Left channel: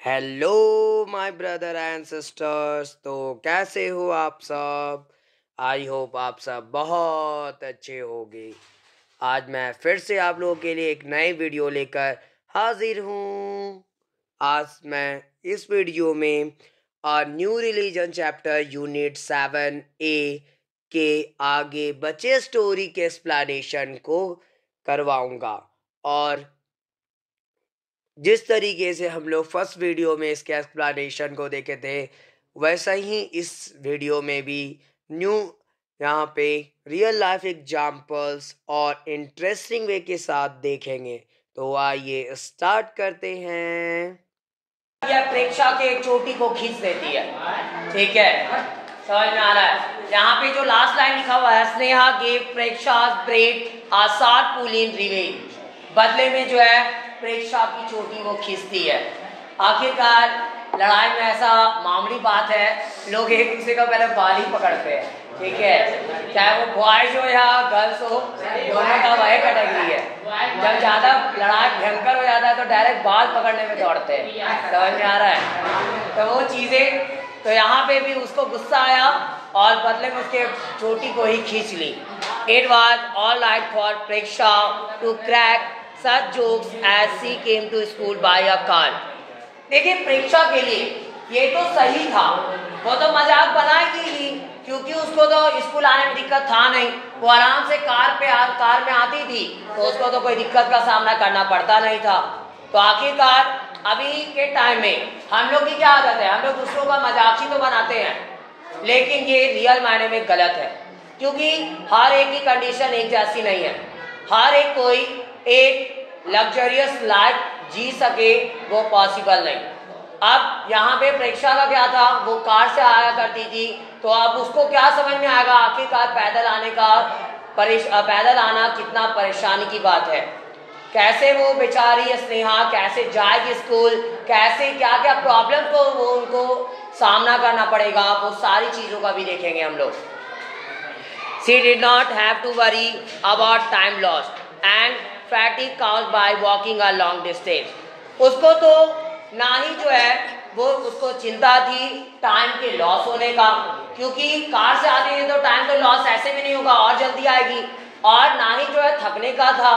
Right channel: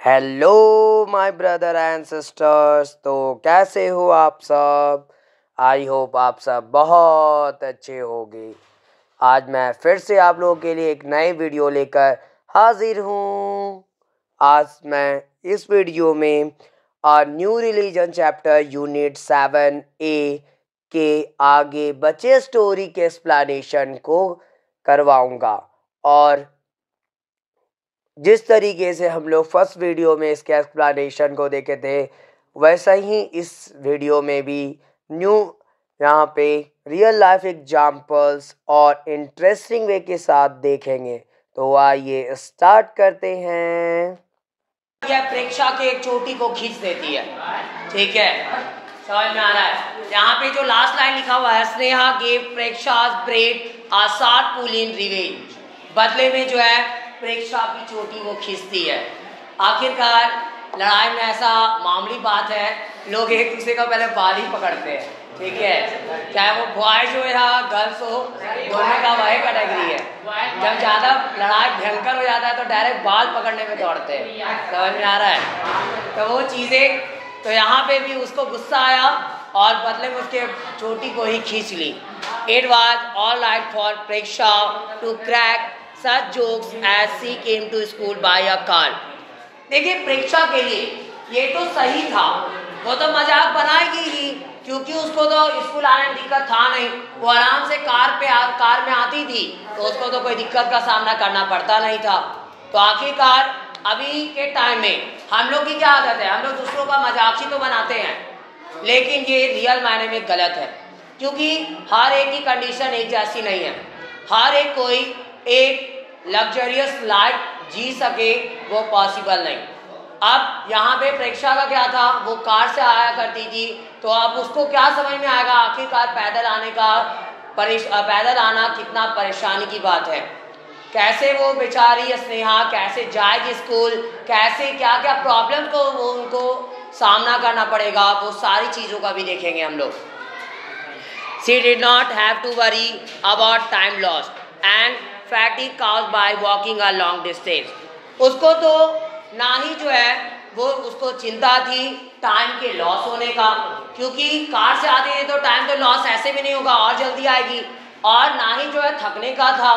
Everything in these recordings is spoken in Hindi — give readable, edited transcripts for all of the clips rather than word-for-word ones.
Hello my brother and sisters. तो कैसे हो आप सब? आई होप आप सब बहुत अच्छे होंगे। आज मैं फिर से आप लोगों के लिए एक नए वीडियो लेकर हाजिर हूँ। आज मैं इस वीडियो में new religion chapter unit 7A के आगे बचे स्टोरी के एक्सप्लेनेशन को करवाऊँगा। और जिस तरीके से हम लोग फर्स्ट वीडियो में इसके एक्सप्लेनेशन को देखे थे, वैसा ही इस वीडियो में भी न्यू यहाँ पे रियल लाइफ एग्जाम्पल्स और इंटरेस्टिंग वे के साथ देखेंगे। तो आइए स्टार्ट करते हैं। यह प्रेक्षा के एक चोटी को खींच देती है। ठीक है, समझ में आ रहा है? यहाँ पे जो लास्ट लाइन लिखा हुआ है, Sneha gave Preksha's braid a sharp pull in revenge। बदले में जो है प्रेक्षा की चोटी वो खींचती है। आखिरकार लड़ाई में ऐसा मामूली बात है, लोग एक दूसरे का पहले बाल ही पकड़ते हैं। ठीक है, चाहे वो बॉयज हो या गर्ल्स हो, दोनों का वही कैटेगरी है। जब ज्यादा लड़ाई भयंकर हो जाता है तो डायरेक्ट बाल पकड़ने में दौड़ते हैं। समझ में आ रहा है? तो वो चीजें, तो यहाँ पे भी उसको गुस्सा आया और बदले में उसके चोटी को ही खींच ली। It was all right for Preksha to crack such jokes as she came to school by a car। देखिए, प्रेक्षा के लिए ये तो सही था, वो तो मजाक बनाएगी ही, क्योंकि उसको तो स्कूल आने में दिक्कत था नहीं। वो आराम से कार में आती थी, तो उसको तो कोई दिक्कत का सामना करना पड़ता नहीं था। तो आखिरकार अभी के टाइम में हम लोग की क्या आदत है, हम लोग दूसरों का मजाक ही तो बनाते हैं, लेकिन ये रियल मायने में गलत है, क्योंकि हर एक की कंडीशन एक जैसी नहीं है। हर एक कोई एक लग्जरियस लाइफ जी सके वो पॉसिबल नहीं। अब यहाँ पे प्रेक्षा का क्या था, वो कार से आया करती थी, तो अब उसको क्या समझ में आएगा आखिरकार पैदल आना कितना परेशानी की बात है। कैसे वो बेचारी स्नेहा कैसे जाएगी स्कूल, कैसे क्या क्या प्रॉब्लम को वो उनको सामना करना पड़ेगा, वो सारी चीजों का भी देखेंगे हम लोग। She did not have to worry about time lost and fatigue caused by walking a long distance। उसको तो ना ही जो है वो उसको चिंता थी टाइम के लॉस होने का, क्योंकि कार से आते हैं तो टाइम का लॉस ऐसे भी नहीं होगा और जल्दी आएगी। और ना ही जो है थकने का था,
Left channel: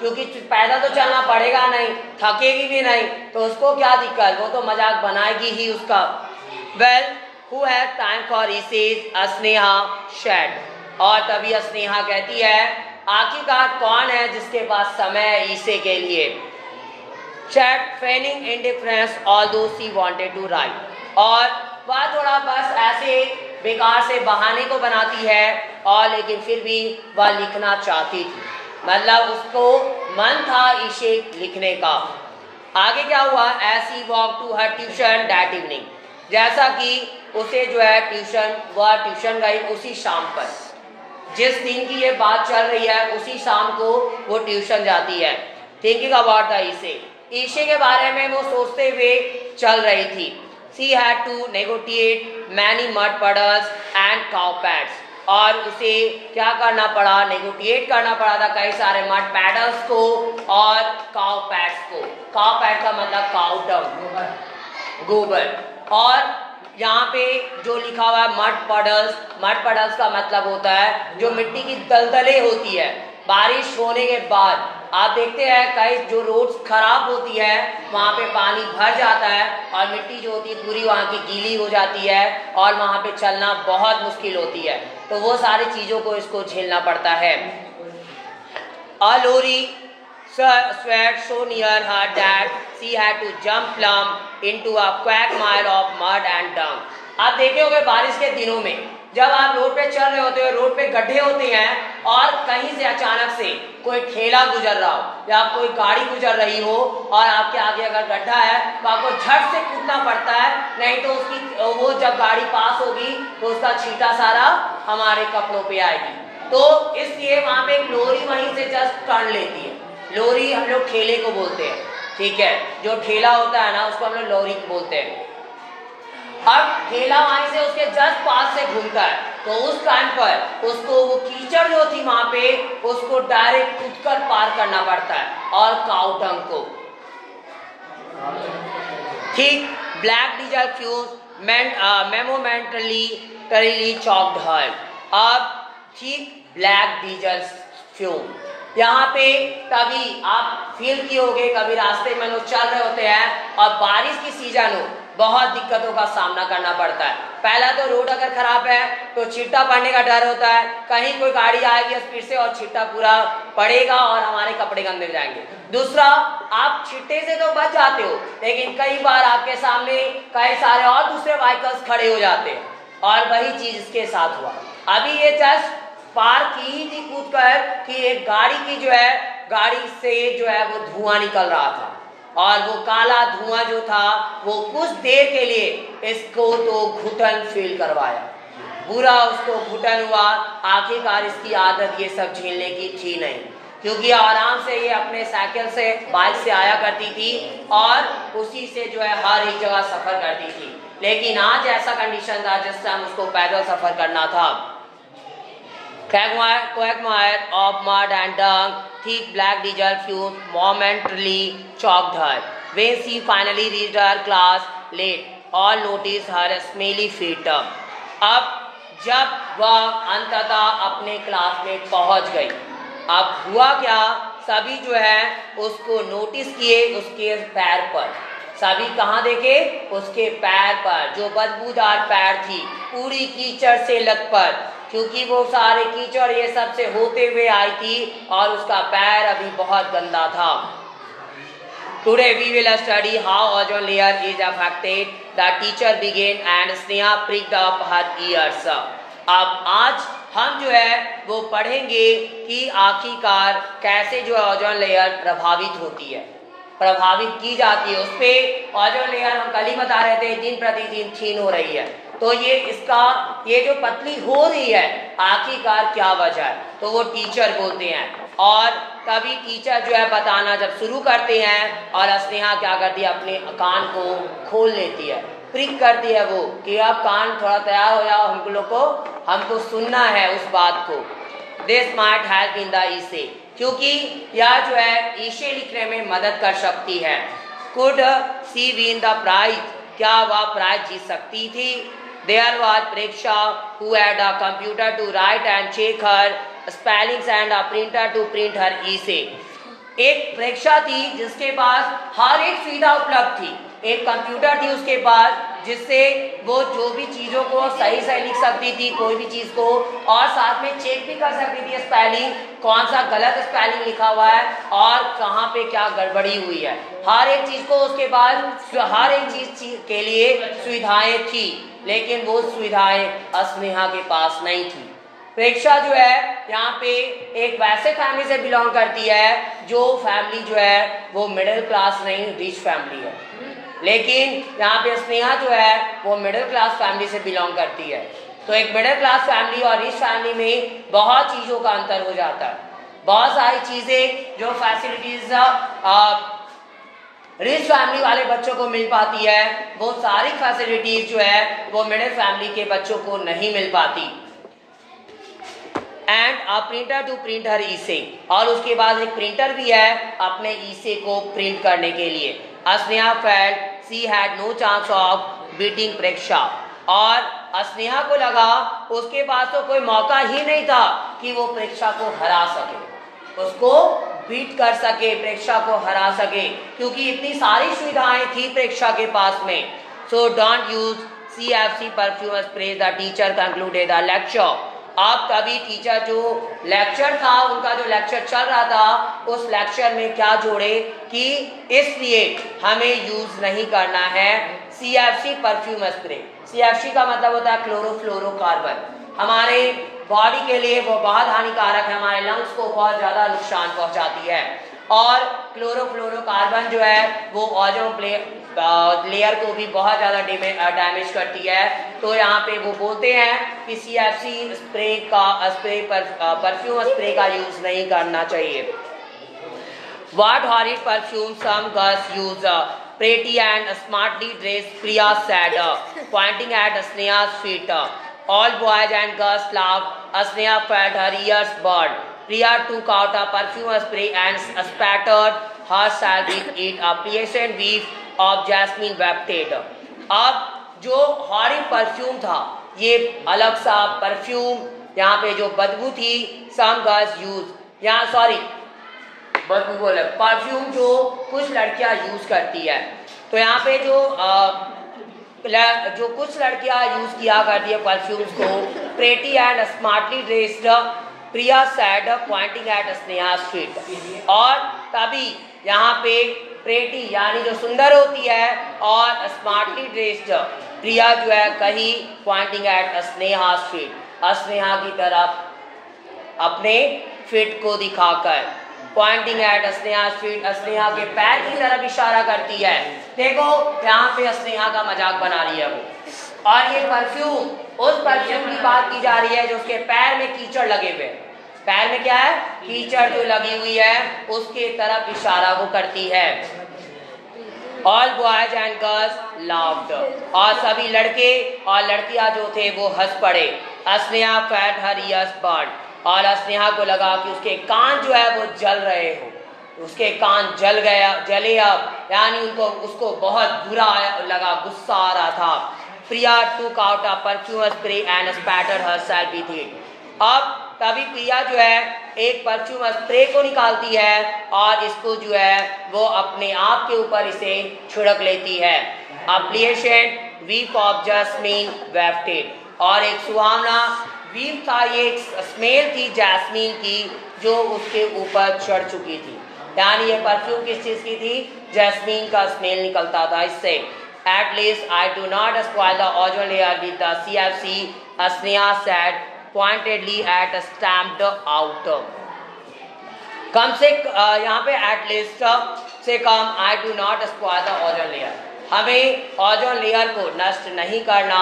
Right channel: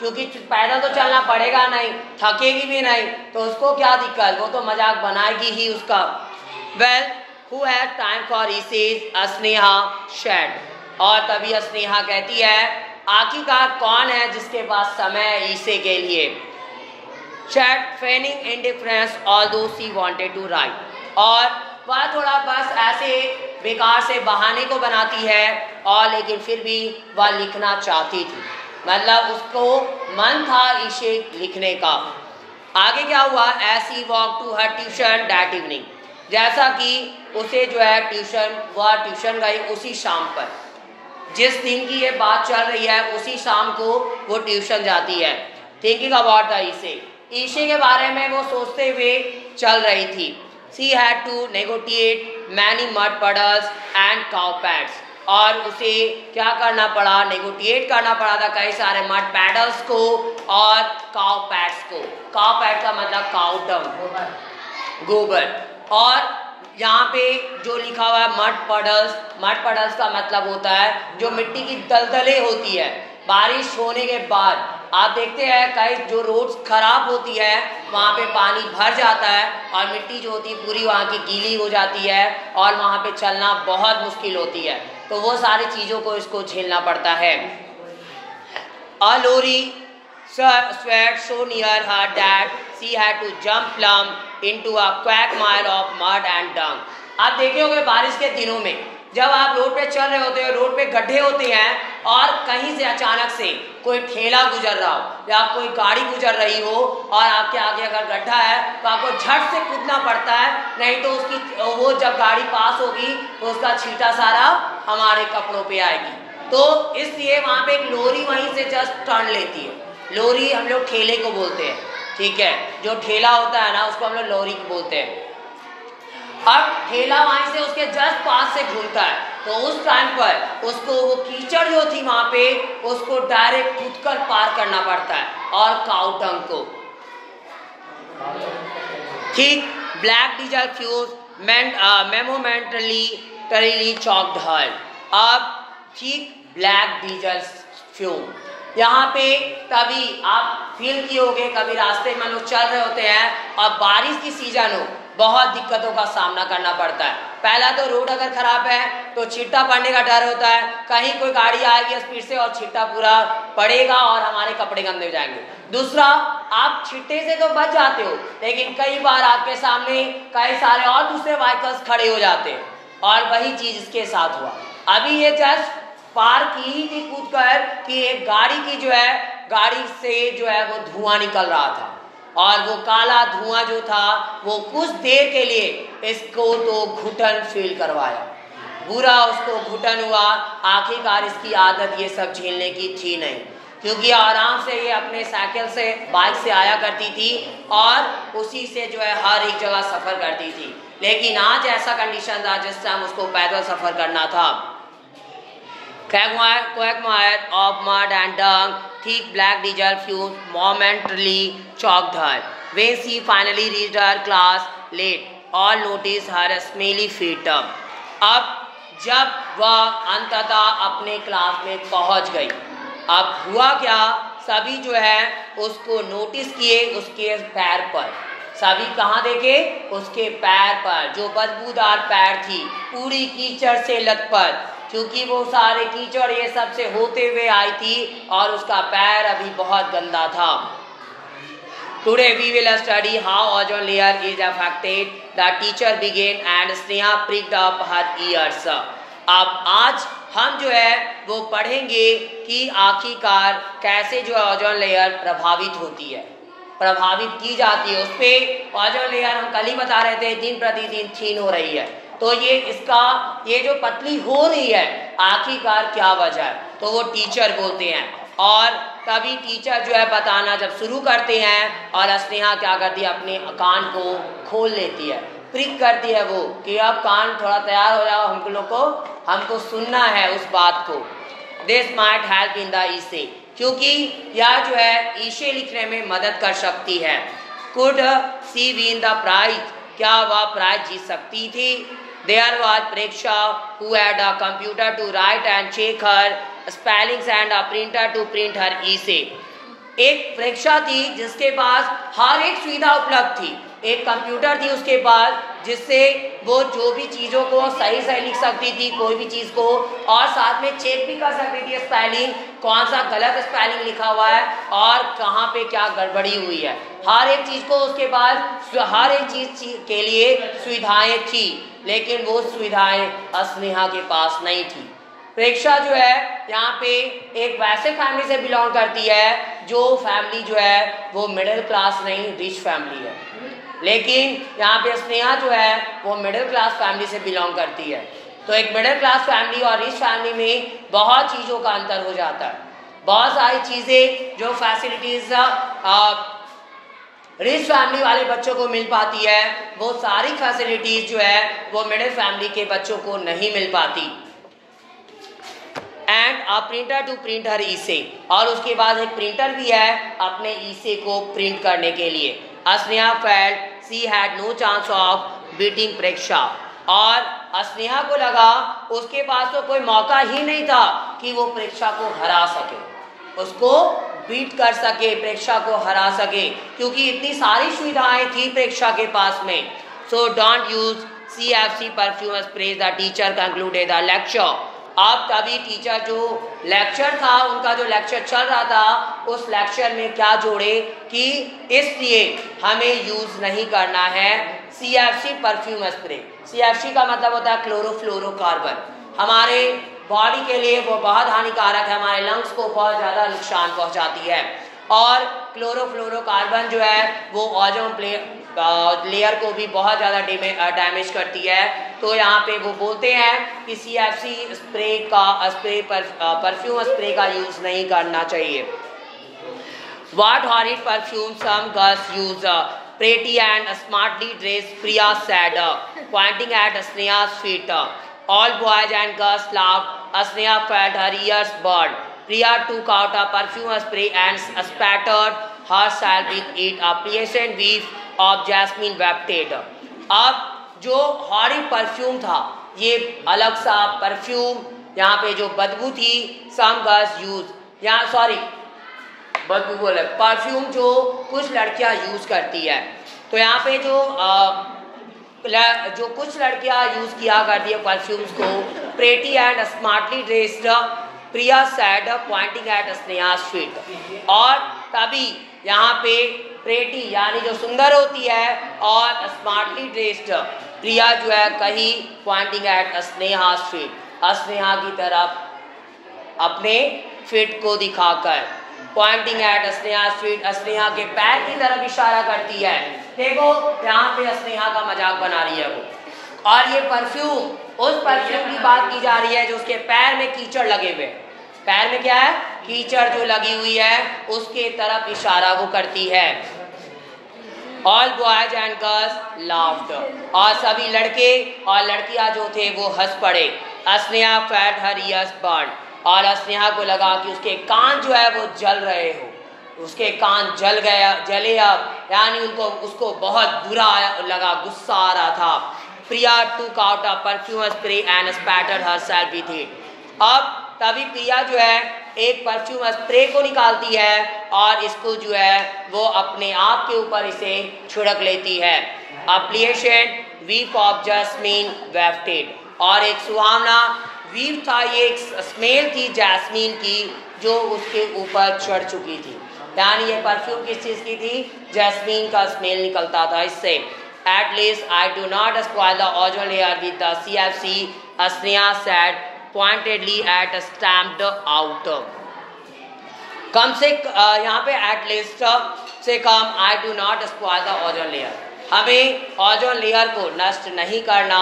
क्योंकि पैदल तो चलना पड़ेगा नहीं, थकेगी भी नहीं, तो उसको क्या दिक्कत, वो तो मजाक बनाएगी ही उसका। Well, who had time for essays? Sneha said। और तभी स्नेहा कहती है, आखिरकार कौन है जिसके पास समय है ईसे के लिए। Said feigning indifference although she wanted to write। और वह थोड़ा बस ऐसे बेकार से बहाने को बनाती है, और लेकिन फिर भी वह लिखना चाहती थी, मतलब उसको मन था इसे लिखने का। आगे क्या हुआ, as she walked to her tuition that evening। जैसा कि उसे जो है वह ट्यूशन गई उसी शाम पर, जिस दिन की ये बात चल रही है उसी शाम को वो ट्यूशन जाती है। थिंकिंग अबाउट द ईशे के बारे में वो सोचते हुए चल रही थी। She had to negotiate many mud puddles and cow pads। और उसे क्या करना पड़ा, नेगोटिएट करना पड़ा था कई सारे मड पैडल्स को और काउ पैड्स को। काउ पैड का मतलब काउ डंग, गोबर। और यहाँ पे जो लिखा हुआ है मड पडल्स का मतलब होता है जो मिट्टी की दलदलें होती है बारिश होने के बाद। आप देखते हैं कई जो रोड्स खराब होती है वहाँ पे पानी भर जाता है और मिट्टी जो होती है पूरी वहाँ की गीली हो जाती है और वहाँ पे चलना बहुत मुश्किल होती है, तो वो सारी चीज़ों को इसको झेलना पड़ता है। Lorry sweat so near her that she had to jump plumb into a quagmire of mud and dung। आप देखे होंगे बारिश के दिनों में जब आप रोड पे चल रहे होते हो, रोड पे गड्ढे होते हैं और कहीं से अचानक से कोई ठेला गुजर रहा हो या कोई गाड़ी गुजर रही हो और आपके आगे अगर गड्ढा है तो आपको झट से कूदना पड़ता है, नहीं तो वो जब गाड़ी पास होगी तो उसका छींटा सारा हमारे कपड़ों पे आएगी। तो इसलिए वहाँ पे एक लोरी वहीं से जस्ट टर्न लेती है। लोरी हम लोग ठेले को बोलते हैं, ठीक है, जो ठेला होता है ना उसको हम लोग लोरी बोलते हैं। अब ठेला वहीं से उसके जस्ट पास से घूमता है, तो उस टाइम पर उसको वो कीचड़ जो थी वहां पे उसको डायरेक्ट कूदकर पार करना पड़ता है। और काउ डंग को ठीक, black diesel fumes momentarily choked her. अब ठीक, ब्लैक डीजल फ्यूम यहाँ पे तभी आप फील किए होंगे, कभी रास्ते में लोग चल रहे होते हैं और बारिश की सीजन हो, बहुत दिक्कतों का सामना करना पड़ता है। पहला तो रोड अगर खराब है तो छिट्टा पड़ने का डर होता है, कहीं कोई गाड़ी आएगी स्पीड से और छिट्टा पूरा पड़ेगा और हमारे कपड़े गंदे हो जाएंगे। दूसरा, आप छिट्टे से तो बच जाते हो, लेकिन कई बार आपके सामने कई सारे और दूसरे व्हीकल्स खड़े हो जाते हैं, और वही चीज इसके साथ हुआ। अभी ये जस्ट पार की ही थी कूद कर कि एक गाड़ी की गाड़ी से वो धुआं निकल रहा था, और वो काला धुआं जो था वो कुछ देर के लिए इसको तो घुटन फील करवाया, बुरा उसको घुटन हुआ। आखिरकार इसकी आदत ये सब झेलने की थी नहीं, क्योंकि आराम से ये अपने साइकिल से बाइक से आया करती थी और उसी से हर एक जगह सफर करती थी। लेकिन आज ऐसा कंडीशन था जिससे हम उसको पैदल सफर करना था। Quagmire of mud and dung, thick black diesel fumes momentarily choked her. When she finally reached her class late, all noticed her smelly feet. अब जब वह अंततः अपने क्लास में पहुंच गई, अब हुआ क्या, सभी उसको नोटिस किए उसके पैर पर। सभी कहाँ देखे? उसके पैर पर, जो बदबूदार पैर थी, पूरी कीचड़ से लथपथ, क्योंकि वो सारे कीचड़ ये सब से होते हुए आई थी और उसका पैर अभी बहुत गंदा था। Today we will study how ozone layer is affected. The teacher began and Sneha pricked up her ears. अब आज हम वो पढ़ेंगे कि आखिरकार कैसे ओजोन लेयर प्रभावित होती है, प्रभावित की जाती है। उस पर ओजोन लेयर हम कल ही बता रहे थे दिन प्रतिदिन क्षीण हो रही है, तो ये जो पतली हो रही है आखिरकार क्या वजह है, तो वो टीचर बोलते हैं। और तभी टीचर बताना जब शुरू करते हैं और स्नेहा क्या करती है, अपने कान को खोल लेती है, प्रिक करती है वो कि अब कान थोड़ा तैयार हो जाओ, हमको सुनना है उस बात को। This might help in the essay, क्योंकि यह ईसे लिखने में मदद कर सकती है। Could she win the prize, क्या वह प्राइज जीत सकती थी? There was Preksha who had a computer to write and check her spellings and a printer to print her essay. एक प्रेक्षा थी जिसके पास हर एक सुविधा उपलब्ध थी, एक कंप्यूटर थी उसके पास जिससे वो जो भी चीज़ों को सही सही लिख सकती थी, कोई भी चीज़ को, और साथ में चेक भी कर सकती थी स्पेलिंग, कौन सा गलत स्पेलिंग लिखा हुआ है और कहाँ पे क्या गड़बड़ी हुई है। हर एक चीज़ को उसके पास, हर एक चीज़ के लिए सुविधाएं थी, लेकिन वो सुविधाएं स्नेहा के पास नहीं थी। प्रेक्षा यहाँ पे एक वैसे फैमिली से बिलोंग करती है जो फैमिली वो मिडिल क्लास नहीं, रिच फैमिली है, लेकिन यहाँ पे स्नेहा वो मिडिल क्लास फैमिली से बिलोंग करती है। तो एक मिडिल क्लास फैमिली और रिच फैमिली में बहुत चीज़ों का अंतर हो जाता है। बहुत सारी चीज़ें जो फैसिलिटीज रिच फैमिली वाले बच्चों को मिल पाती है, वो सारी फैसिलिटीज वो मिडिल फैमिली के बच्चों को नहीं मिल पाती। And a printer to print her essay, और उसके बाद एक प्रिंटर भी है अपने ईसे को प्रिंट करने के लिए। Sneha felt she had no chance of beating Preksha, और स्नेहा को लगा उसके पास तो कोई मौका ही नहीं था कि वो प्रेक्षा को हरा सके, उसको बीट कर सके, प्रेक्षा को हरा सके, क्योंकि इतनी सारी सुविधाएं थी प्रेक्षा के पास में। So don't use CFC perfume spray, the teacher concluded the lecture. अब तभी टीचर जो लेक्चर था, उनका जो लेक्चर चल रहा था, उस लेक्चर में क्या जोड़े कि इसलिए हमें यूज नहीं करना है CFC परफ्यूम स्प्रे। CFC का मतलब होता है क्लोरोफ्लोरोकार्बन, हमारे बॉडी के लिए वो बहुत हानिकारक है, हमारे लंग्स को बहुत ज़्यादा नुकसान पहुंचाती है। और क्लोरोफ्लोरोकार्बन वो ओजोन लेयर को भी बहुत ज़्यादा डैमेज करती है। तो यहाँ पे वो बोलते हैं कि CFC परफ्यूम स्प्रे का यूज़ नहीं करना चाहिए। What horrid perfume some girls use, pretty and smartly dressed Priya said, pointing at Sneha's feet. All boys and girls laughed. Sneha felt her ears burn. Priya took out a perfume spray and spattered her salary eat a pleasant whiff of jasmine wafted. अब जो हॉरी परफ्यूम था, ये अलग सा परफ्यूम, यहाँ पे जो बदबू थी, some girls use, यहाँ सॉरी बदबू बोले, परफ्यूम जो कुछ लड़कियाँ यूज करती है, तो यहाँ पे जो कुछ लड़कियां यूज किया करती है परफ्यूम्स को, pretty and smartly dressed Priya said pointing at Sneha's feet. और तभी यहाँ पे प्रेटी यानी जो सुंदर होती है और स्मार्टली ड्रेस्ड प्रिया जो है कही Poynting at Sneha's feet, Sneha की तरफ अपने फिट को दिखाकर, Poynting at Sneha's feet, Sneha के पैर की तरफ इशारा करती है। देखो यहाँ पे स्नेहा का मजाक बना रही है वो, और ये परफ्यूम उस परफ्यूम की बात की जा रही है जो उसके पैर में कीचड़ लगे हुए, पैर में क्या है, कीचड़ जो लगी हुई है, उसके तरफ इशारा वो करती है। All boys and girls laughed, और सभी लड़के और लड़कियां जो थे वो हंस पड़े। Sneha felt her ears burned, और स्नेहा को लगा कि उसके कान जो है वो जल रहे हो, उसके कान जले अब, यानी उसको बहुत बुरा लगा, गुस्सा आ रहा था। प्रिया took out a perfume spray and spattered herself with it. अब तभी प्रिया जो है एक परफ्यूम स्प्रे को निकालती है और इसको जो है वो अपने आप के ऊपर इसे छिड़क लेती है। A pleasant whiff of jasmine wafted, और एक सुहावना वीव था, ये एक स्मेल थी जैस्मीन की जो उसके ऊपर चढ़ चुकी थी, यानी ये परफ्यूम किस चीज की थी, जैस्मीन का स्मेल निकलता था इससे। At least I do not spoil the ozone layer with the CFC, Sneha said pointedly at stamped out. कम से यहाँ पे at least से कम I do not spoil the ozone layer, हमें ओजोन लेयर को नष्ट नहीं करना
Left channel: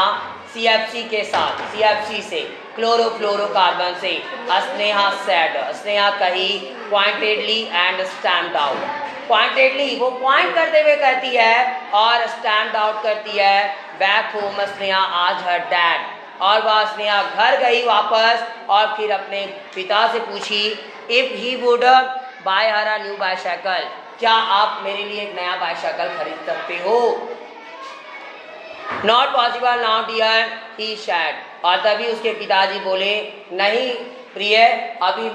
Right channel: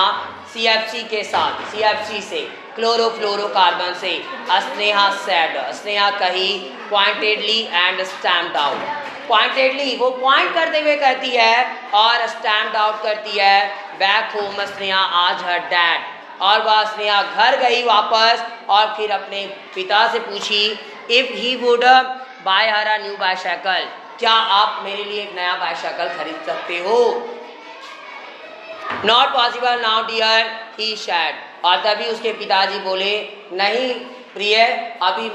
CFC के साथ, CFC से क्लोरोफ्लोरोकार्बन से। स्नेहा सेड, स्नेहा कही, pointedly and stamped out, pointedly वो पॉइंट करते हुए कहती है और स्टैम्प्ड आउट करती है। बैक होम स्नेहा आज हर डैड, और वह स्नेहा घर गई वापस और फिर अपने पिता से पूछी if he would buy her a new bicycle, क्या आप मेरे लिए एक नया बाइसाइकिल खरीद सकते हो। Not possible now dear he said, और तभी उसके पिताजी बोले नहीं प्रिय, अभी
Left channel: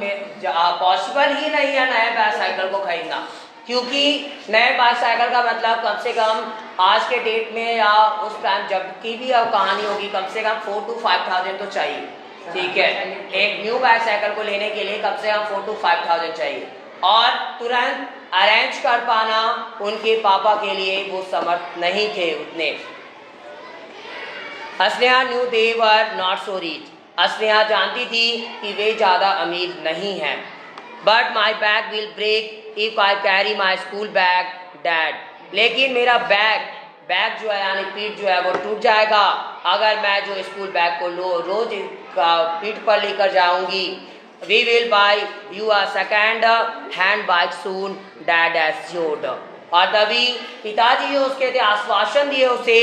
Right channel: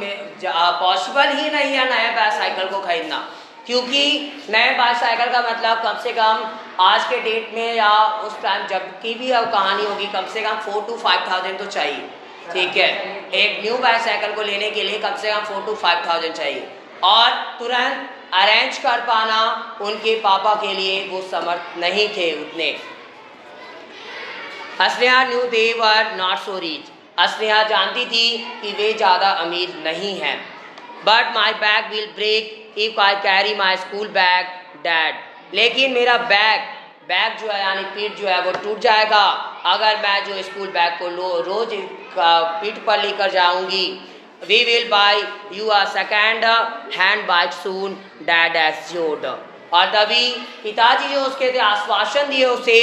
पॉसिबल ही नहीं है नए बाइसाइकिल को खरीदना, क्योंकि नए बाइसाइकिल का मतलब कम से कम आज के डेट में या उस टाइम जब की भी कहानी होगी, कम से कम 4 to 5,000 तो चाहिए, ठीक है। एक न्यू बाइसाइकिल को लेने के लिए कम से कम 4 to 5,000 चाहिए, और तुरंत अरेंज कर पाना उनके पापा के लिए वो समर्थ नहीं थे उतने। Sneha knew they were not so rich, Sneha जानती थी कि वे ज़्यादा अमीर नहीं हैं। But my bag will break if I carry my school bag dad, लेकिन मेरा बैग जो है यानी पीठ जो है वो टूट जाएगा अगर मैं जो स्कूल बैग को रोज पीठ पर लेकर जाऊंगी। We will buy you a second hand bike soon dad assured, और तभी पिताजी जो उसके आश्वासन दिए उसे,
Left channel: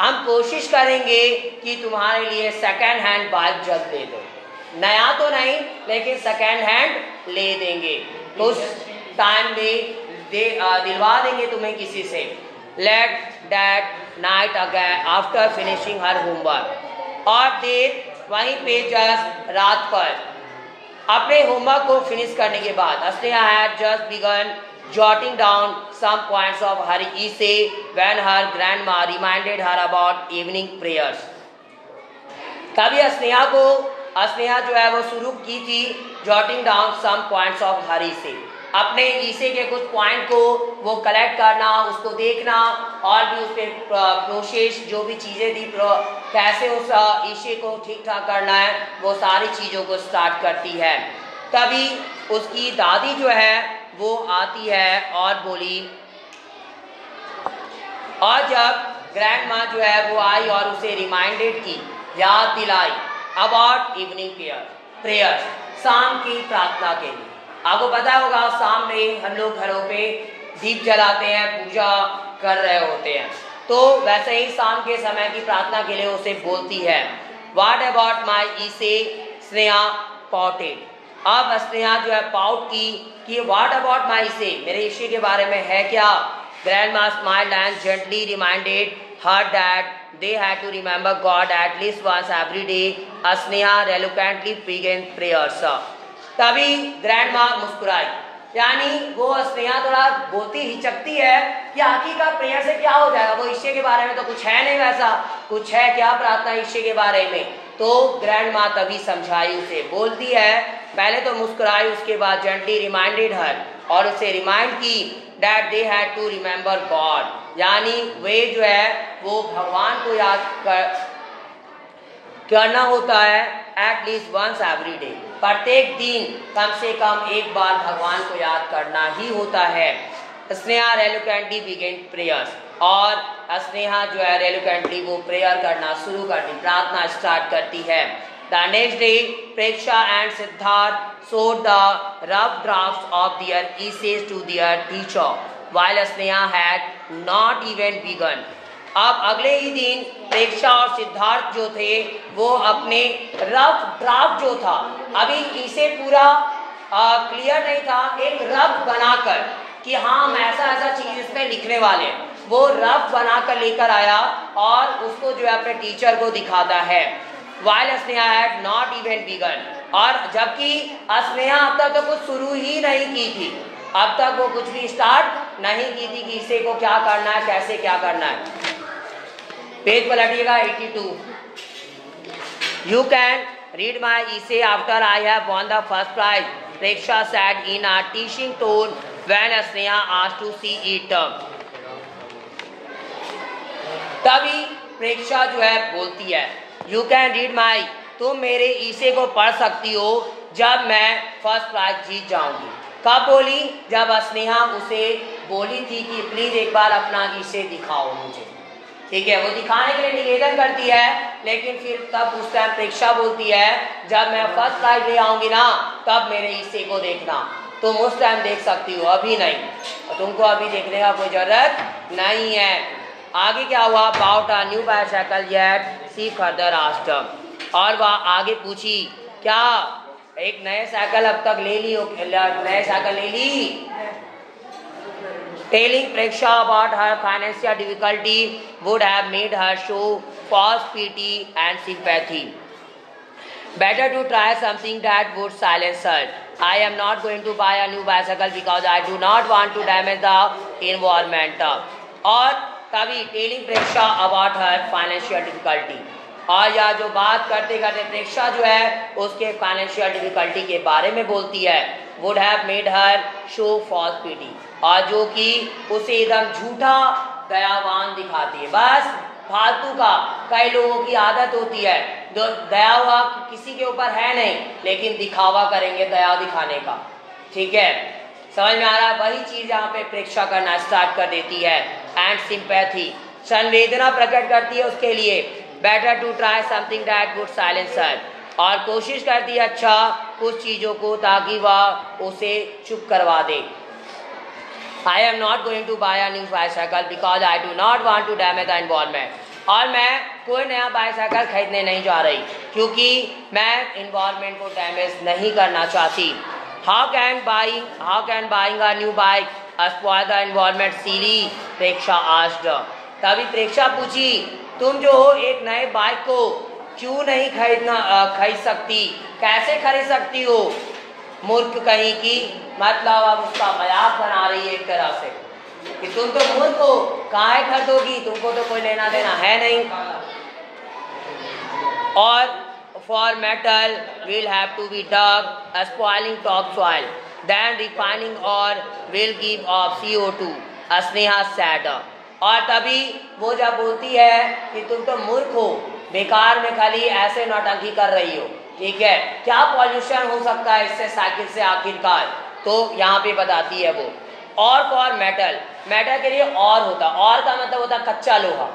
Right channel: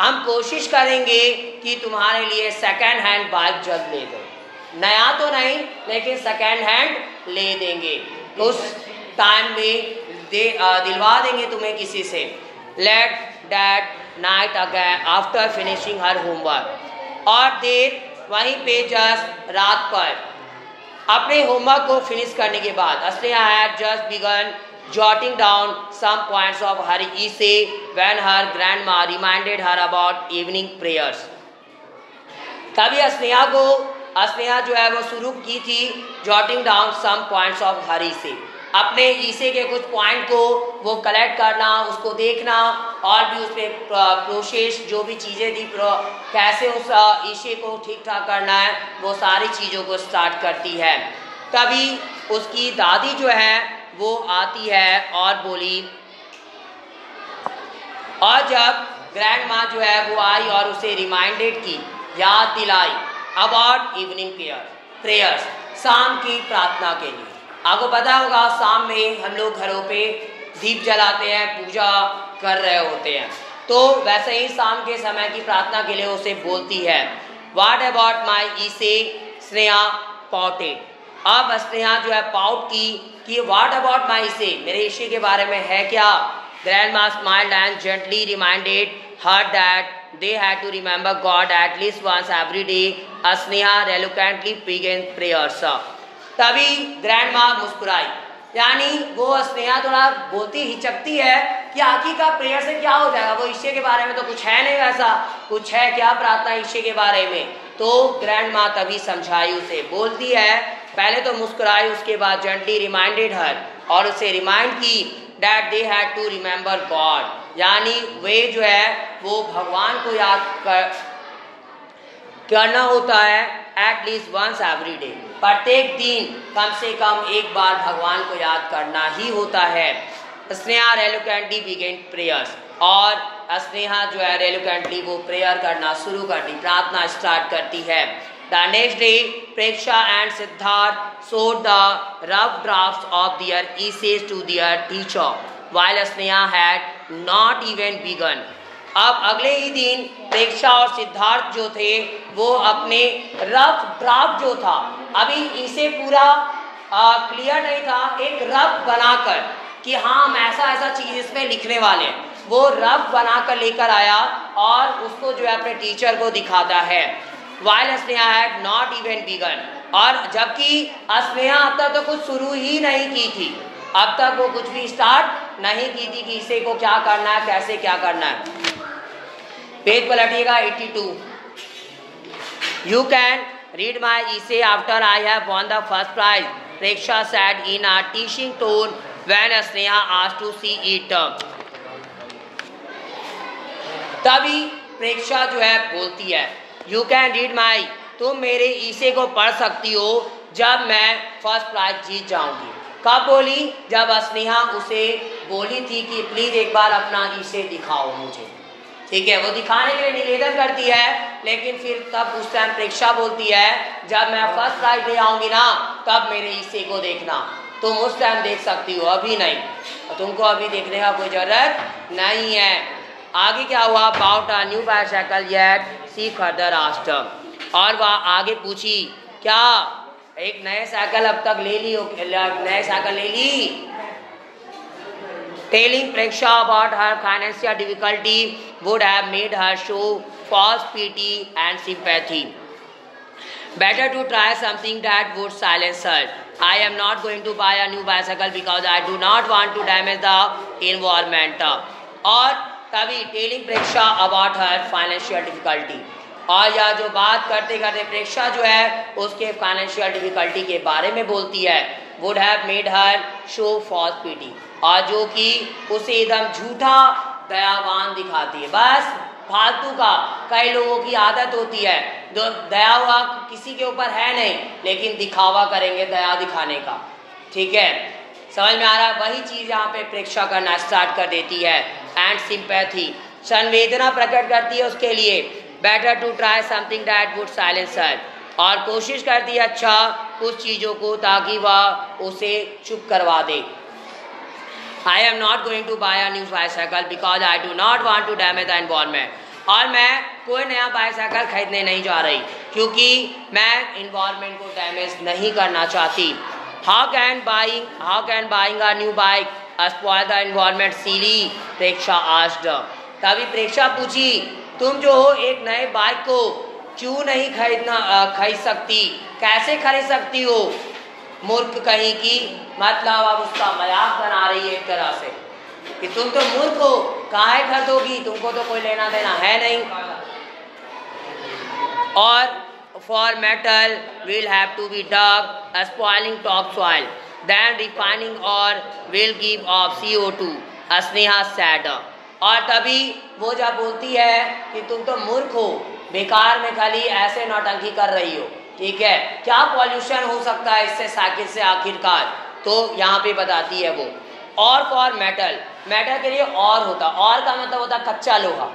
हम कोशिश करेंगे कि तुम्हारे लिए सेकेंड हैंड बाइक जल्द ले दो, नया तो नहीं लेकिन सेकेंड हैंड ले देंगे, उस टाइम में दिलवा देंगे तुम्हें किसी से। Late that night again after finishing her homework, और देर वहीं पे जस्ट रात पर अपने होमवर्क को फिनिश करने के बाद Sneha had just began jotting down some points of her essay when her grandma reminded her about evening prayers. तभी स्नेहा जो है वो शुरू की थी jotting down some points of her essay, अपने ईसे के कुछ पॉइंट को वो कलेक्ट करना, उसको देखना, और भी उसके प्रोसेस जो भी चीज़ें थी कैसे उस ईसे को ठीक ठाक करना है, वो सारी चीज़ों को स्टार्ट करती है। तभी उसकी दादी जो है वो आती है और बोली, और जब ग्रैंड माँ जो है वो आई और उसे रिमाइंडेड की, याद दिलाई अबाउट इवनिंग प्रेयर्स, शाम की प्रार्थना के लिए। आपको पता होगा शाम में हम लोग घरों पे दीप जलाते हैं, पूजा कर रहे होते हैं, तो वैसे ही शाम के समय की प्रार्थना के लिए उसे बोलती है, what about my essay Sneha pouted, अब स्नेहा जो है पाउट की कि व्हाट अबाउट माई ईसे, मेरे ईसे के बारे में है क्या। Grandma smiled and gently reminded her that they had to remember God at least once every day. Sneha reluctantly began prayers. तभी ग्रैंडमा मुस्कुराई, यानी वो स्नेहा थोड़ा बोलती हिचकती है कि आखिर का प्रेयर से क्या हो जाएगा, वो ईश्वर के बारे में तो कुछ है नहीं, वैसा कुछ है क्या प्रार्थना ईश्वर के बारे में। तो ग्रैंडमा तभी समझाई उसे, बोलती है, पहले तो मुस्कुराई, उसके बाद जेंटली रिमाइंडेड हर, और उसे रिमाइंड की that they had to remember God, यानी वे जो है वो भगवान को याद करना होता है at least once every day, प्रत्येक दिन कम से कम एक बार भगवान को याद करना ही होता है। स्नेहा रेलुकेंटली बिगिन प्रेयर्स, और स्नेहा जो है रेलुकेंटली वो प्रेयर करना शुरू करती, प्रार्थना स्टार्ट करती है। The next day, Preksha and Siddharth showed the rough drafts of their essays to their teacher, while Sneha had not even begun. अब अगले ही दिन प्रेक्षा और सिद्धार्थ जो थे वो अपने रफ ड्राफ्ट जो था, अभी इसे पूरा क्लियर नहीं था, एक रफ बनाकर कि हाँ हम ऐसा ऐसा चीज इसमें लिखने वाले हैं, वो रफ बनाकर लेकर आया और उसको जो है अपने टीचर को दिखाता है। While Sneha had not even begun, और जबकि स्नेहा अब तक तो कुछ शुरू ही नहीं की थी, अब तक वो कुछ भी स्टार्ट नहीं की थी कि इसे को क्या करना है, कैसे क्या करना है। Page पलटिएगा 82। You can read my essay after I have won the first prize, Preksha said in a teaching tone when Sneha asked to see it. तभी प्रेक्षा जो है बोलती है, यू कैन रीड माई, तुम मेरे ईसे को पढ़ सकती हो जब मैं फर्स्ट प्राइज जीत जाऊंगी। कब बोली? जब स्नेहा उसे बोली थी कि प्लीज एक बार अपना ईसे दिखाओ मुझे, ठीक है, वो दिखाने के लिए निवेदन करती है, लेकिन फिर तब उस टाइम प्रेक्षा बोलती है जब मैं फर्स्ट प्राइज ले आऊंगी ना तब मेरे ईसे को देखना, तुम उस टाइम देख सकती हो, अभी नहीं, और तुमको अभी देखने का कोई जरूरत नहीं है। आगे क्या हुआ? About a new bicycle yet she further asked, और वह आगे पूछी क्या एक नए साइकिल अब तक ले ली हो, नए साइकिल ले ली। Telling Preksha about her financial difficulty would have made her show false pity and sympathy. Better to try something that would silence her. I am not going to buy a new bicycle because I do not want to damage the environment. और तभी telling Preksha about her financial difficulty, और यह जो बात करते करते प्रेक्षा जो है उसके फाइनेंशियल डिफिकल्टी के बारे में बोलती है, would have made her show false pity, और जो कि उसे एकदम झूठा दयावान दिखाती है। बस फालतू का कई लोगों की आदत होती है, जो दया हुआ किसी के ऊपर है नहीं, लेकिन दिखावा करेंगे दया दिखाने का, ठीक है, समझ में आ रहा है? वही चीज यहाँ पे प्रेक्षा करना स्टार्ट कर देती है। एंड सिंपैथी, संवेदना प्रकट करती है उसके लिए। Better to try something that would silence her, और कोशिश करती है अच्छा कुछ चीजों को ताकि वह उसे चुप करवा दे। I am not going to buy a new bicycle because I do not want to damage the environment. और मैं कोई नया बाइसाइकिल खरीदने नहीं जा रही क्योंकि मैं इन्वायरमेंट को डैमेज नहीं करना चाहती। How can buying a new bike spoil the environment silly? Preksha asked. तभी प्रेक्षा पूछी, तुम जो हो एक नए बाइक को क्यों नहीं खरीद सकती, कैसे खरीद सकती हो? मूर्ख कहीं की, मतलब अब उसका मजाक बना रही है एक तरह से कि तुम तो मूर्ख हो, काहे खरीदोगी, तुमको तो कोई लेना देना है नहीं। और for metal will have to be dug spoiling top soil then refining और will give off CO2 Sneha said. और तभी वो जब बोलती है कि तुम तो मूर्ख हो, बेकार में खाली ऐसे नौटंकी कर रही हो, ठीक है, क्या पॉल्यूशन हो सकता है इससे साइकिल से आखिरकार, तो यहाँ पे बताती है वो। और फॉर मेटल, मेटल के लिए और होता, और का मतलब होता कच्चा लोहा,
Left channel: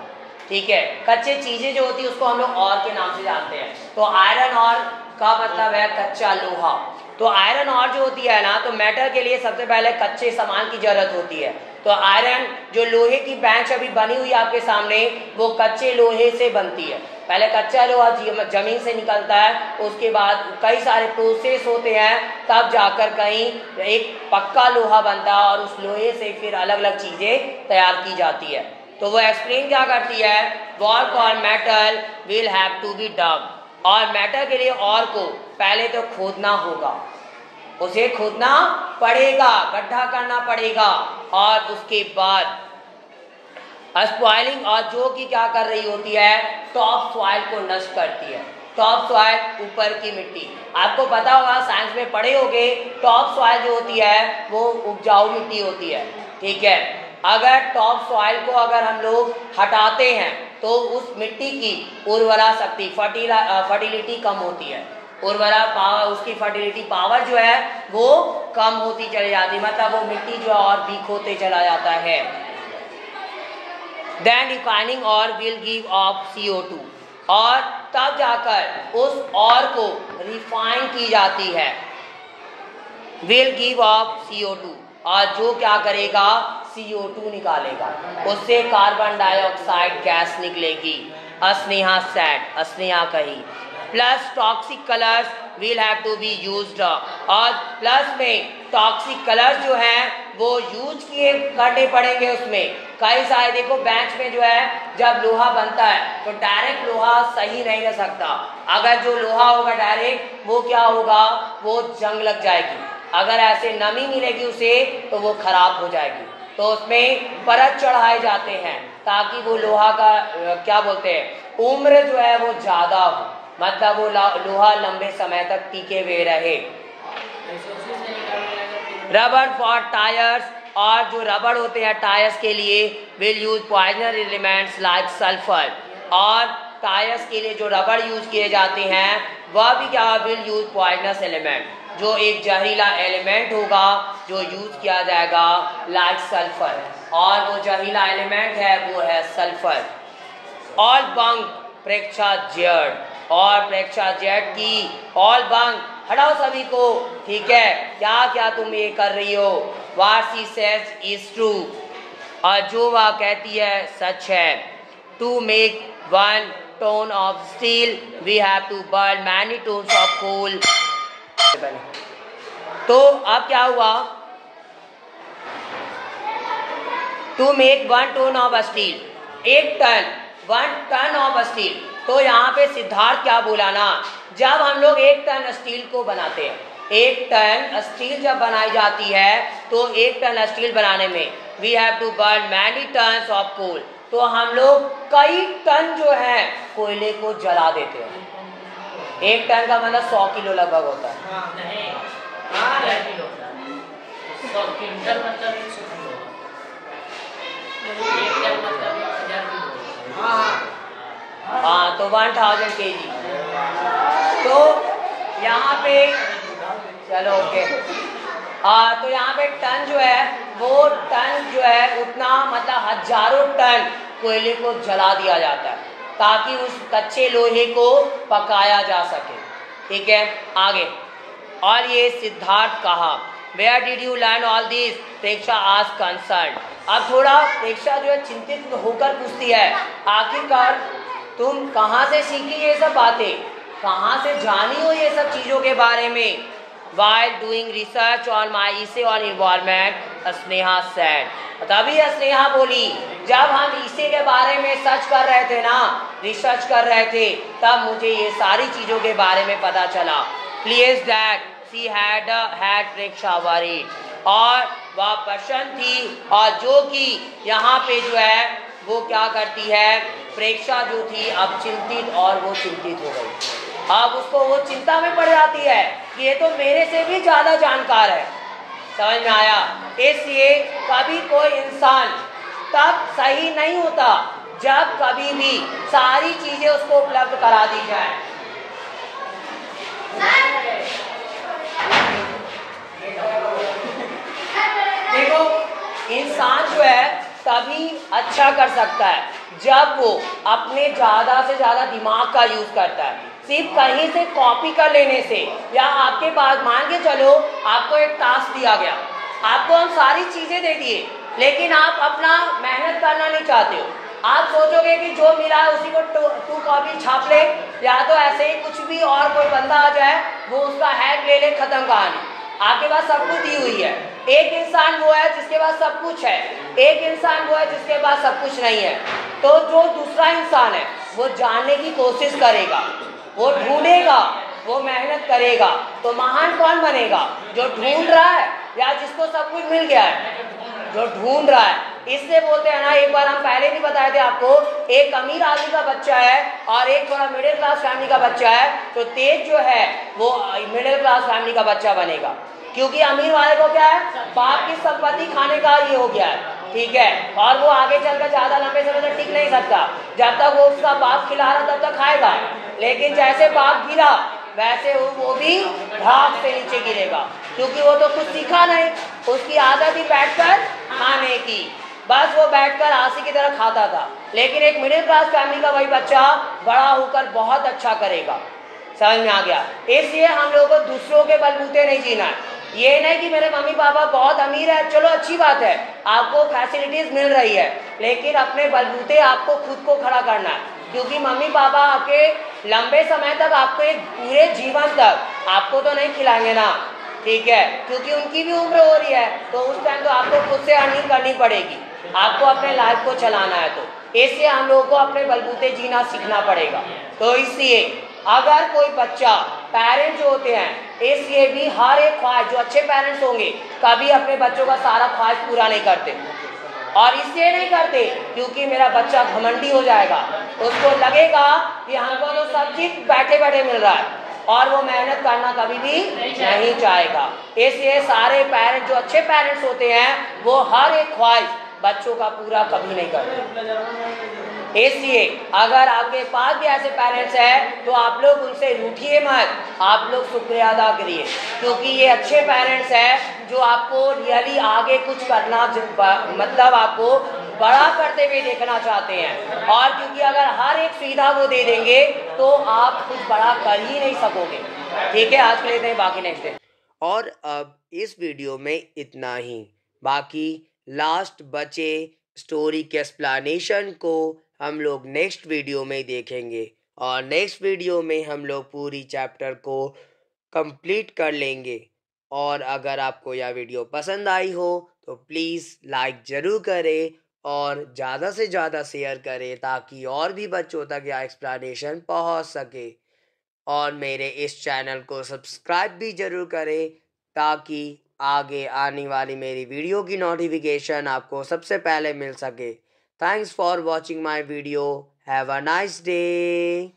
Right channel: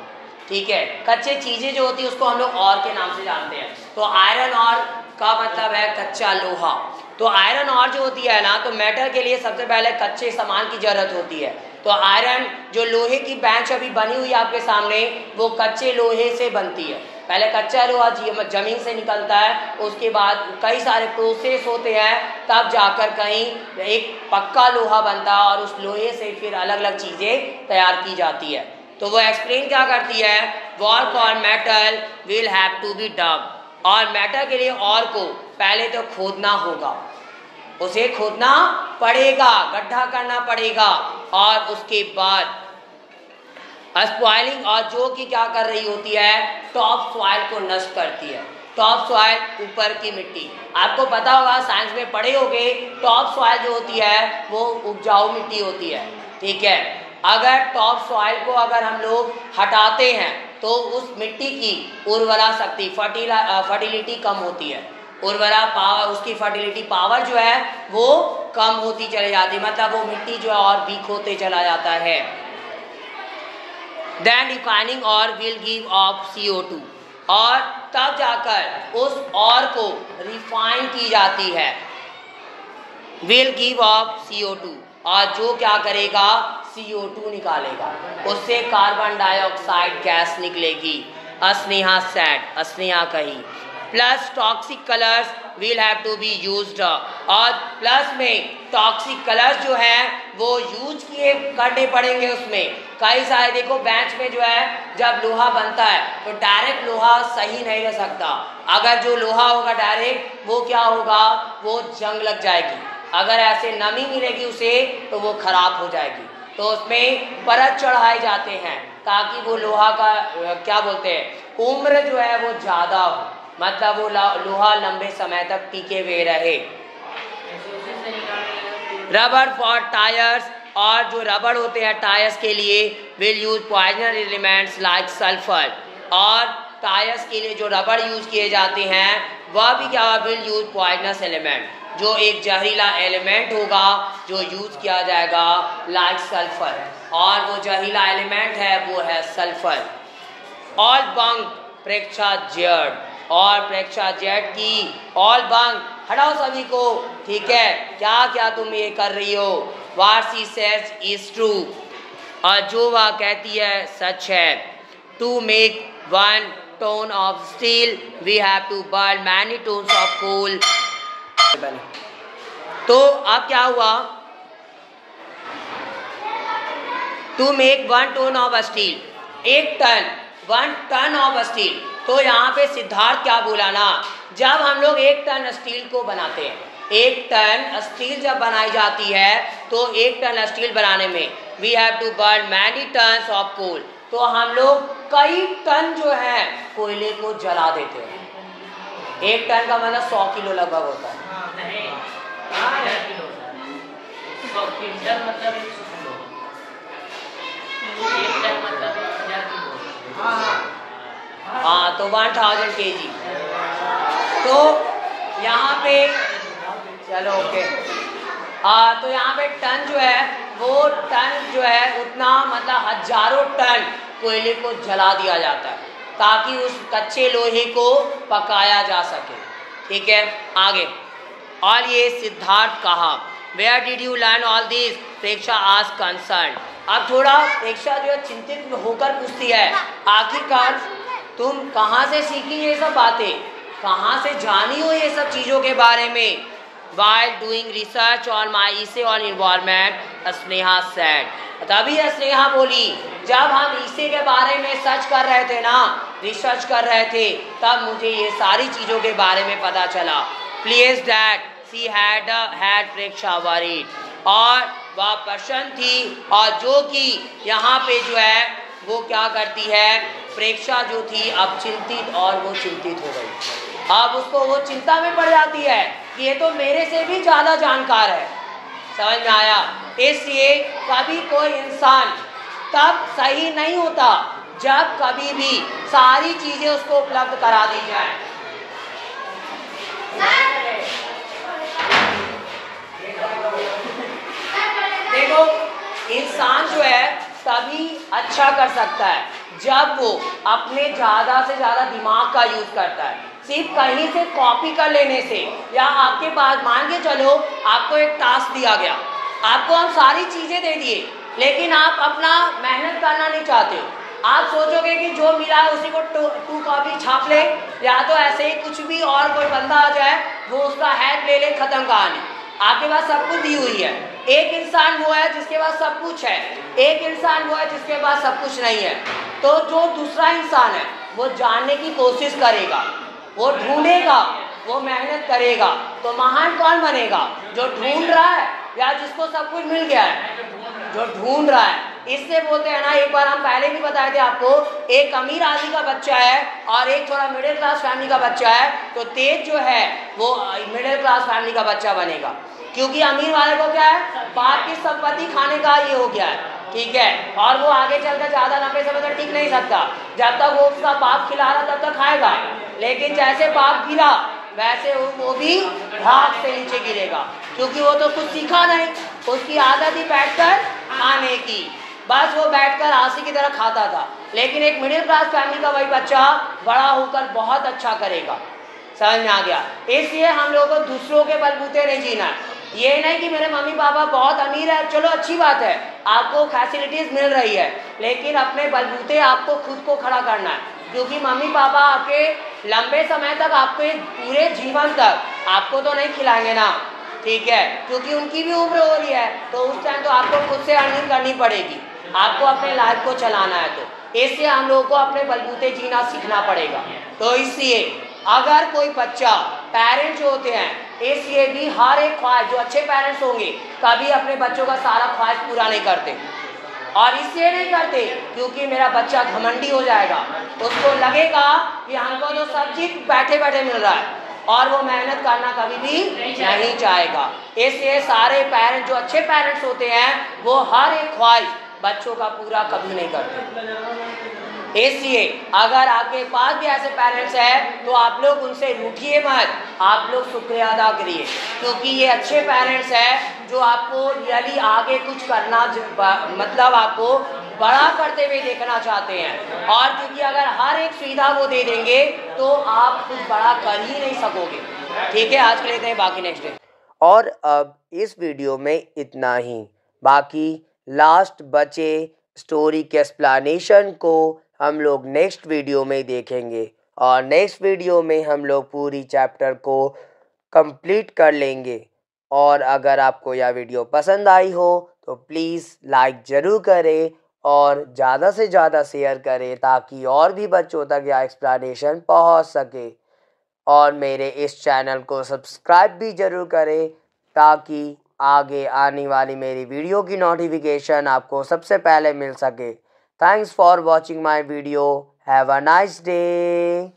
ठीक है, कच्चे चीजें जो होती है उसको हम लोग और के नाम से जानते हैं। तो आयरन और का मतलब है कच्चा लोहा। तो आयरन और जो होती है ना, तो मेटल के लिए सबसे पहले कच्चे सामान की जरूरत होती है। तो आयरन जो लोहे की बेंच अभी बनी हुई है आपके सामने, वो कच्चे लोहे से बनती है। पहले कच्चा लोहा जमीन से निकलता है, उसके बाद कई सारे प्रोसेस होते हैं, तब जाकर कहीं एक पक्का लोहा बनता है और उस लोहे से फिर अलग अलग चीजें तैयार की जाती है। तो वो एक्सप्लेन क्या करती है, work on metal will have to be dug. और मेटल के लिए और को पहले तो खोदना होगा, उसे खोदना पड़ेगा, गड्ढा करना पड़ेगा, और उसके बाद स्पॉइलिंग, और जो कि क्या कर रही होती है, टॉप सॉइल को नष्ट करती है। टॉप सॉइल ऊपर की मिट्टी, आपको पता होगा साइंस में पढ़े होंगे, टॉप सॉइल जो होती है वो उपजाऊ मिट्टी होती है, ठीक है। अगर टॉप सॉइल को अगर हम लोग हटाते हैं तो उस मिट्टी की उर्वरा शक्ति, फर्टिलिटी कम होती है, उर्वरा पावर, उसकी फर्टिलिटी पावर जो है वो कम होती चली जाती है, मतलब वो मिट्टी जो है और वीक होते चला जाता है। देन रिफाइनिंग और विल गिव ऑफ CO2, और तब जाकर उस और को रिफाइन की जाती है, विल गिव ऑफ CO2, और जो क्या करेगा, CO2 निकालेगा, उससे कार्बन डाइऑक्साइड गैस निकलेगी। स्नेहा सेड, स्नेहा कही, plus toxic colours will have to be used, और प्लस में टॉक्सिक कलर्स जो हैं वो यूज किए करने पड़ेंगे। उसमें कई सारे, देखो बेंच में जो है जब लोहा बनता है तो डायरेक्ट लोहा सही नहीं रह सकता, अगर जो लोहा होगा डायरेक्ट वो क्या होगा, वो जंग लग जाएगी, अगर ऐसे नमी मिलेगी उसे तो वो खराब हो जाएगी। तो उसमें परत चढ़ाए जाते हैं ताकि वो लोहा का क्या बोलते हैं, उम्र जो है वो ज्यादा हो, मतलब वो लोहा लंबे समय तक टिके हुए रहे। रबर फॉर टायर्स, और जो रबर होते हैं टायर्स के लिए, will use poisonous elements like sulphur, और टायर्स के लिए जो रबर यूज किए जाते हैं वह भी क्या, विल यूज पॉइजनस एलिमेंट, जो एक जहरीला एलिमेंट होगा जो यूज किया जाएगा लाइक सल्फर, और वो जहरीला एलिमेंट है वो है सल्फर। ऑल बंक प्रेक्षा जेड, और प्रेक्षा जेड की ऑल बंक हटाओ सभी को, ठीक है, क्या क्या तुम ये कर रही हो, what she says is true, और जो वह कहती है सच है। To make one ton of steel we have to burn many tons of coal. तो अब क्या हुआ, to make 1 ton of steel, 1 ton of steel. तो यहाँ पे सिद्धार्थ क्या बोला ना, जब हम लोग 1 टन स्टील को बनाते हैं, 1 टन स्टील जब बनाई जाती है तो 1 टन स्टील बनाने में we have to burn many tons of coal, तो हम लोग कई टन जो है कोयले को जला देते हैं। 1 टन का मतलब 100 किलो लगभग होता है। हाँ, तो 1000 kg। तो यहाँ पे चलो ओके, तो यहाँ पे टन जो है वो टन जो है उतना, मतलब हजारों टन कोयले को जला दिया जाता है ताकि उस कच्चे लोहे को पकाया जा सके, ठीक है। आगे, और ये सिद्धार्थ कहा, where did you learn all this, Preksha आज कंसर्न। अब थोड़ा प्रेक्षा जो है चिंतित होकर पूछती है, आखिरकार तुम कहाँ से सीखी ये सब बातें, कहाँ से जानी हो ये सब चीज़ों के बारे में। While doing research on my essay on environment, Sneha said, तभी स्नेहा बोली, जब हम इसे के बारे में सर्च कर रहे थे ना, रिसर्च कर रहे थे, तब मुझे ये सारी चीज़ों के बारे में पता चला। Pleased that she had Preksha worried, और वह प्रसन्न थी, और जो कि यहाँ पे जो है वो क्या करती है, प्रेक्षा जो थी अब चिंतित, और वो चिंतित हो गई। अब उसको वो चिंता में पड़ जाती है कि ये तो मेरे से भी ज्यादा जानकार है, समझ में आया। इसलिए कभी कोई इंसान तब सही नहीं होता जब कभी भी सारी चीजें उसको उपलब्ध करा दी जाए। देखो, इंसान जो है तभी अच्छा कर सकता है जब वो अपने ज्यादा से ज्यादा दिमाग का यूज करता है, सिर्फ कहीं से कॉपी कर लेने से, या आपके पास मान के चलो आपको एक टास्क दिया गया, आपको हम सारी चीज़ें दे दिए, लेकिन आप अपना मेहनत करना नहीं चाहते हो। आप सोचोगे कि जो मिला है उसी को टू कॉपी छाप ले, या तो ऐसे ही कुछ भी और कोई बंदा आ जाए वो उसका हेड ले ले, खत्म कहानी। आपके पास सब कुछ दी हुई है। एक इंसान वो है जिसके पास सब कुछ है, एक इंसान वो है जिसके पास सब कुछ नहीं है। तो जो दूसरा इंसान है वो जानने की कोशिश करेगा, वो ढूंढेगा, वो मेहनत करेगा। तो महान कौन बनेगा? जो ढूंढ रहा है या जिसको सब कुछ मिल गया है? जो ढूंढ रहा है। इससे बोलते हैं ना, एक बार हम पहले भी बताए थे आपको, एक अमीर आदमी का बच्चा है और एक थोड़ा मिडिल क्लास फैमिली का बच्चा है, तो तेज जो है वो मिडिल क्लास फैमिली का बच्चा बनेगा, क्योंकि अमीर वाले को क्या है, बाप की संपत्ति खाने का ये हो गया है, ठीक है, और वो आगे चलकर ज्यादा लंबे समय तक टिक नहीं सकता। जब तक वो उसका बाप खिला रहा तब तक खाएगा, लेकिन जैसे बाप गिरा वैसे वो भी भाग से नीचे गिरेगा, क्योंकि वो तो कुछ सीखा नहीं, उसकी आदत ही बैठकर खाने की, बस वो बैठकर आंसी की तरह खाता था। लेकिन एक मिडिल क्लास फैमिली का वही बच्चा बड़ा होकर बहुत अच्छा करेगा। समझ में आ गया? इसलिए हम लोगों को दूसरों के बलबूते नहीं जीना है। ये नहीं कि मेरे मम्मी पापा बहुत अमीर है, चलो अच्छी बात है, आपको फैसिलिटीज मिल रही है, लेकिन अपने बलबूते आपको खुद को खड़ा करना है, क्योंकि मम्मी पापा आपके लंबे समय तक, आपके पूरे जीवन तक आपको तो नहीं खिलाएंगे ना, ठीक है, क्योंकि उनकी भी उम्र हो रही है, तो उस टाइम तो आपको खुद से अर्निंग करनी पड़ेगी, आपको अपने लाइफ को चलाना है। तो इसलिए हम लोगों को अपने बलबूते जीना सीखना पड़ेगा। तो इसलिए अगर कोई बच्चा, पेरेंट जो होते हैं, इसलिए भी हर एक ख्वाहिश, जो अच्छे पेरेंट्स होंगे कभी अपने बच्चों का सारा ख्वाहिश पूरा नहीं करते, और इसलिए नहीं करते क्योंकि मेरा बच्चा घमंडी हो जाएगा, उसको लगेगा कि हमको तो सब चीज बैठे बैठे मिल रहा है, और वो मेहनत करना कभी भी नहीं चाहेगा। इसलिए सारे पेरेंट्स, जो अच्छे पेरेंट्स होते हैं, वो हर एक ख्वाहिश बच्चों का पूरा कभी नहीं करते। इसलिए अगर आपके पास भी ऐसे पेरेंट्स हैं तो आप लोग उनसे रूठिए मत, आप लोग शुक्रिया अदा करिए, क्योंकि ये अच्छे पेरेंट्स हैं जो आपको रियली आगे कुछ करना, मतलब आपको बड़ा करते हुए देखना चाहते हैं। और क्योंकि अगर हर एक सुविधा वो दे देंगे तो आप कुछ बड़ा कर ही नहीं सकोगे। ठीक है, आज के लिए बाकी नेक्स्ट डे। और अब इस वीडियो में इतना ही, बाकी लास्ट बचे स्टोरी के एक्सप्लेनेशन को हम लोग नेक्स्ट वीडियो में देखेंगे, और नेक्स्ट वीडियो में हम लोग पूरी चैप्टर को कंप्लीट कर लेंगे। और अगर आपको यह वीडियो पसंद आई हो तो प्लीज़ लाइक ज़रूर करें और ज़्यादा से ज़्यादा शेयर करें, ताकि और भी बच्चों तक यह एक्सप्लेनेशन पहुंच सके। और मेरे इस चैनल को सब्सक्राइब भी ज़रूर करें, ताकि आगे आने वाली मेरी वीडियो की नोटिफिकेशन आपको सबसे पहले मिल सके। Thanks for watching my video. Have a nice day.